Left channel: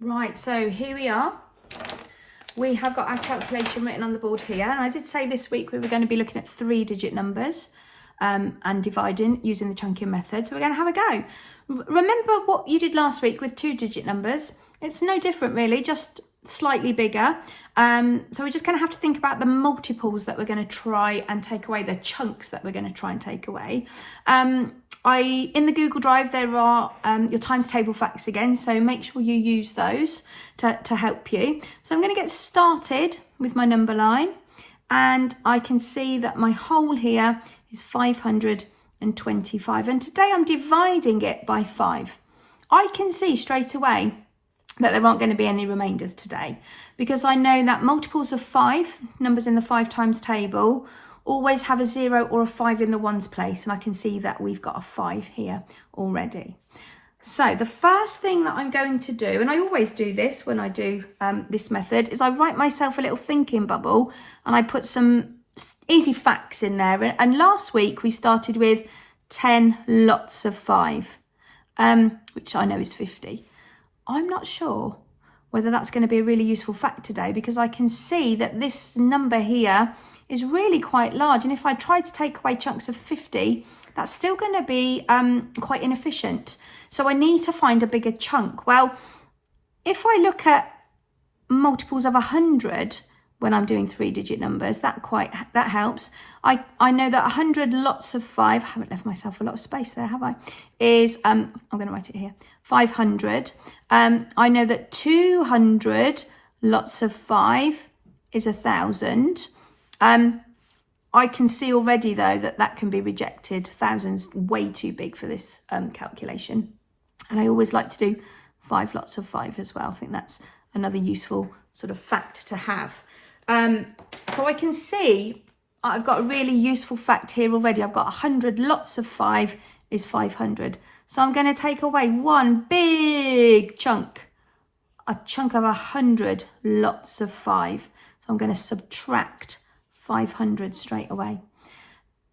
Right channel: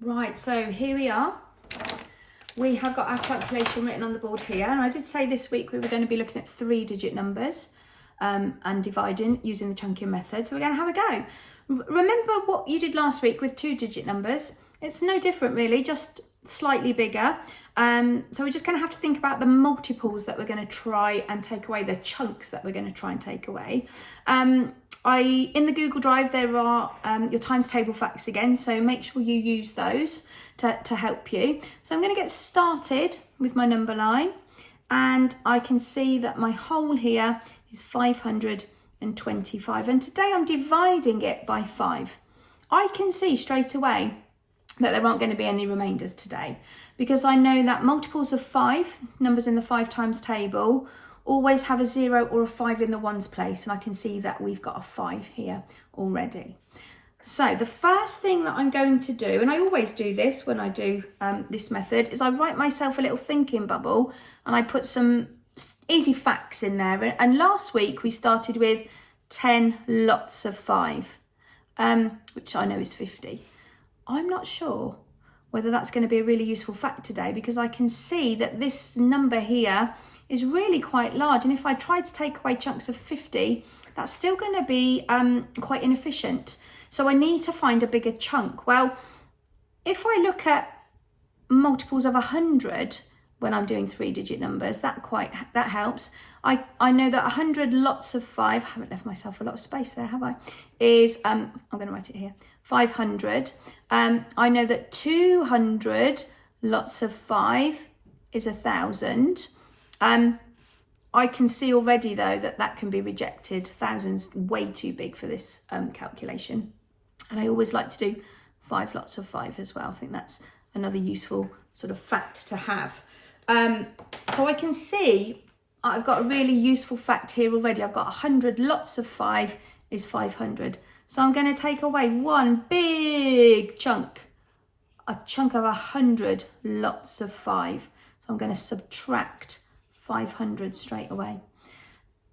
Right, so here we are. We have got our calculation written on the board here. And I did say this week we were going to be looking at 3-digit numbers and dividing using the chunking method. So we're going to have a go. Remember what you did last week with 2-digit numbers? It's no different really, just slightly bigger. So we're just going to have to think about the multiples that we're going to try and take away, the chunks that we're going to try and take away. In the Google Drive there are your times table facts again, so make sure you use those to help you. So I'm going to get started with my number line, and I can see that my whole here is 525, and today I'm dividing it by 5. I can see straight away that there aren't going to be any remainders today, because I know that multiples of 5, numbers in the 5 times table, always have a 0 or a 5 in the ones place, and I can see that we've got a 5 here already. So the first thing that I'm going to do, and I always do this when I do this method, is I write myself a little thinking bubble and I put some easy facts in there. And last week we started with 10 lots of 5, which I know is 50. I'm not sure whether that's going to be a really useful fact today, because I can see that this number here is really quite large, and if I try to take away chunks of 50, that's still going to be quite inefficient. So I need to find a bigger chunk. Well, if I look at multiples of 100 when I'm doing 3-digit numbers, that helps. I know that 100 lots of 5, I haven't left myself a lot of space there, have I? Is I'm going to write it here, 500. I know that 200 lots of 5 is 1,000. I can see already though that can be rejected. 1,000's way too big for this calculation. And I always like to do 5 lots of 5 as well. I think that's another useful sort of fact to have. So I can see I've got a really useful fact here already. I've got 100 lots of 5 is 500. So I'm going to take away one big chunk, a chunk of 100 lots of 5. So I'm going to subtract 500 straight away.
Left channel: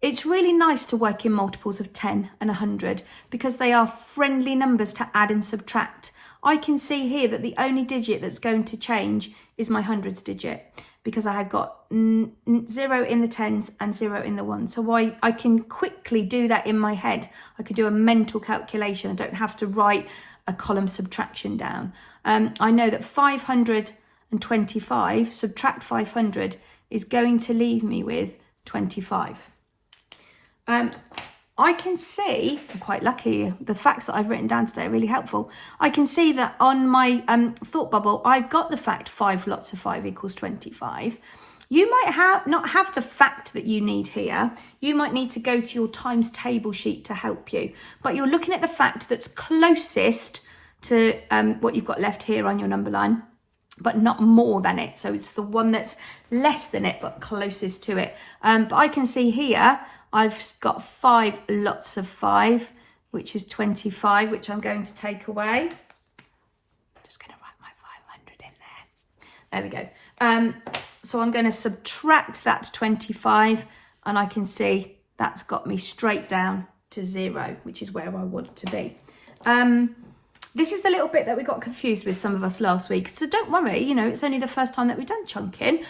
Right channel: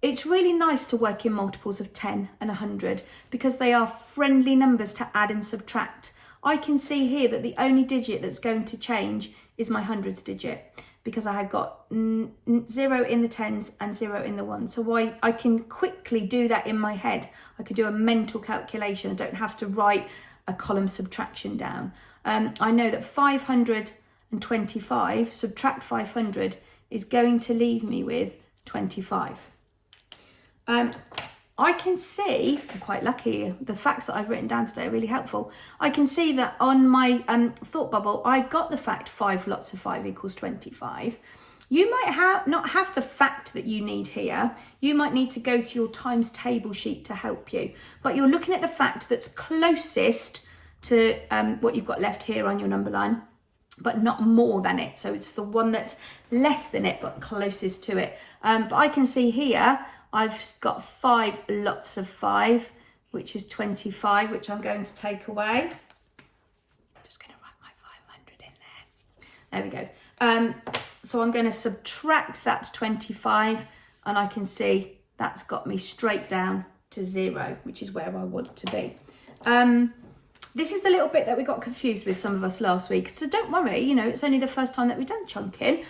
It's really nice to work in multiples of 10 and 100 because they are friendly numbers to add and subtract. I can see here that the only digit that's going to change is my hundreds digit, because I had got 0 in the tens and 0 in the ones. So I can quickly do that in my head. I could do a mental calculation. I don't have to write a column subtraction down. I know that 525 subtract 500 is going to leave me with 25. I can see, I'm quite lucky, the facts that I've written down today are really helpful. I can see that on my thought bubble, I've got the fact 5 lots of 5 equals 25. You might not have the fact that you need here. You might need to go to your times table sheet to help you. But you're looking at the fact that's closest to what you've got left here on your number line, but not more than it. So it's the one that's less than it, but closest to it. But I can see here, I've got 5 lots of 5, which is 25, which I'm going to take away. Just going to write my 500 in there. There we go. So I'm going to subtract that 25, and I can see that's got me straight down to 0, which is where I want to be. This is the little bit that we got confused with, some of us, last week. So don't worry, it's only the first time that we've done chunking.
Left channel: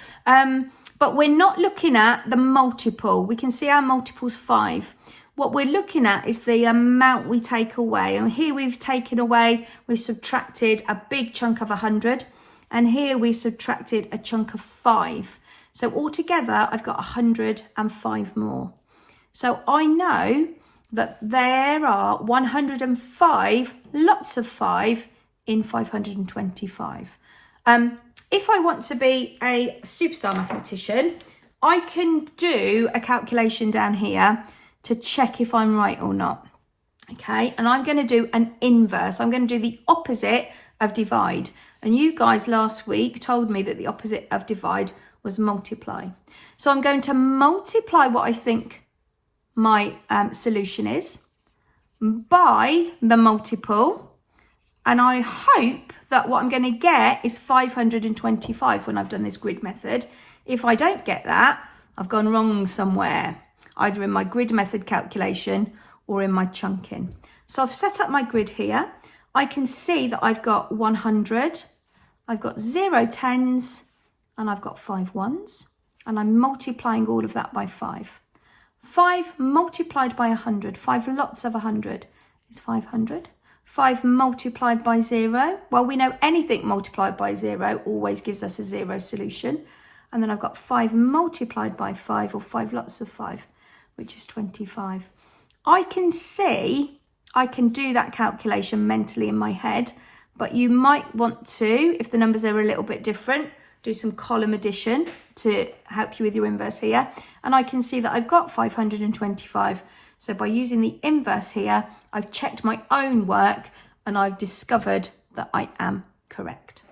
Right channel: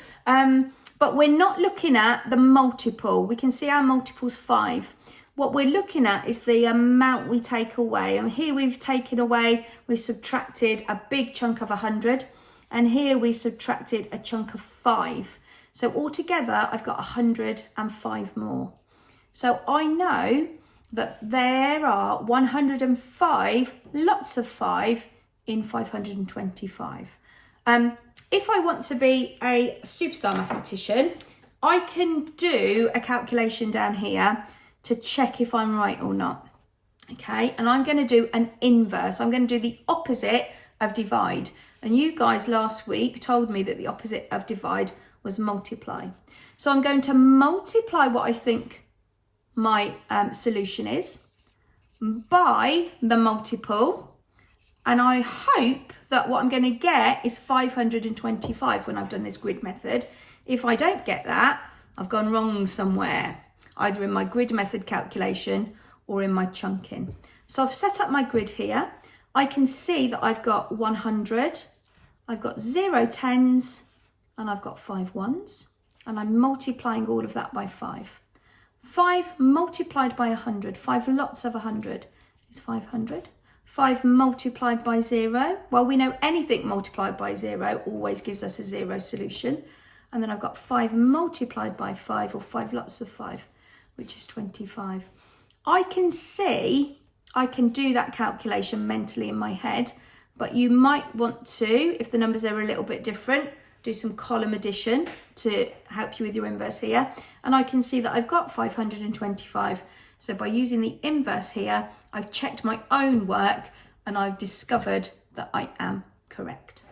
But we're not looking at the multiple. We can see our multiple's 5. What we're looking at is the amount we take away. And here we've subtracted a big chunk of 100. And here we subtracted a chunk of 5. So altogether, I've got 105 more. So I know that there are 105 lots of 5 in 525. If I want to be a superstar mathematician, I can do a calculation down here to check if I'm right or not. Okay, and I'm going to do an inverse. I'm going to do the opposite of divide. And you guys last week told me that the opposite of divide was multiply. So I'm going to multiply what I think my solution is by the multiple, and I hope that what I'm going to get is 525 when I've done this grid method. If I don't get that, I've gone wrong somewhere, either in my grid method calculation or in my chunking. So I've set up my grid here. I can see that I've got 100, I've got 0 tens, and I've got 5 ones, and I'm multiplying all of that by 5. 5 multiplied by 100, 5 lots of 100 is 500. 5 multiplied by 0, well, we know anything multiplied by 0 always gives us a 0 solution. And then I've got 5 multiplied by 5, or 5 lots of 5, which is 25. I can see, I can do that calculation mentally in my head, but you might want to, if the numbers are a little bit different, do some column addition to help you with your inverse here. And I can see that I've got 525. So by using the inverse here, I've checked my own work and I've discovered that I am correct.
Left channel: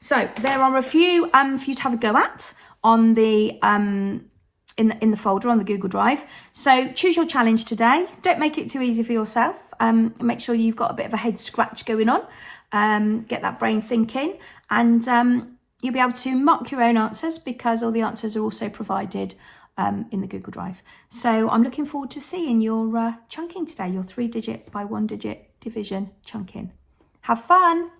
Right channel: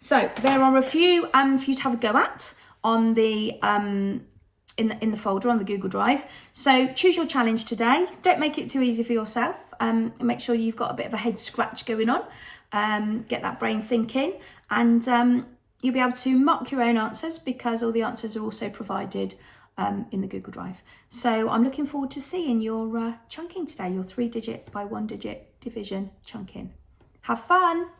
So there are a few for you to have a go at on the in the folder on the Google Drive. So choose your challenge today. Don't make it too easy for yourself. Make sure you've got a bit of a head scratch going on. Get that brain thinking, and you'll be able to mark your own answers because all the answers are also provided in the Google Drive. So I'm looking forward to seeing your chunking today, your 3-digit by 1-digit division chunking. Have fun.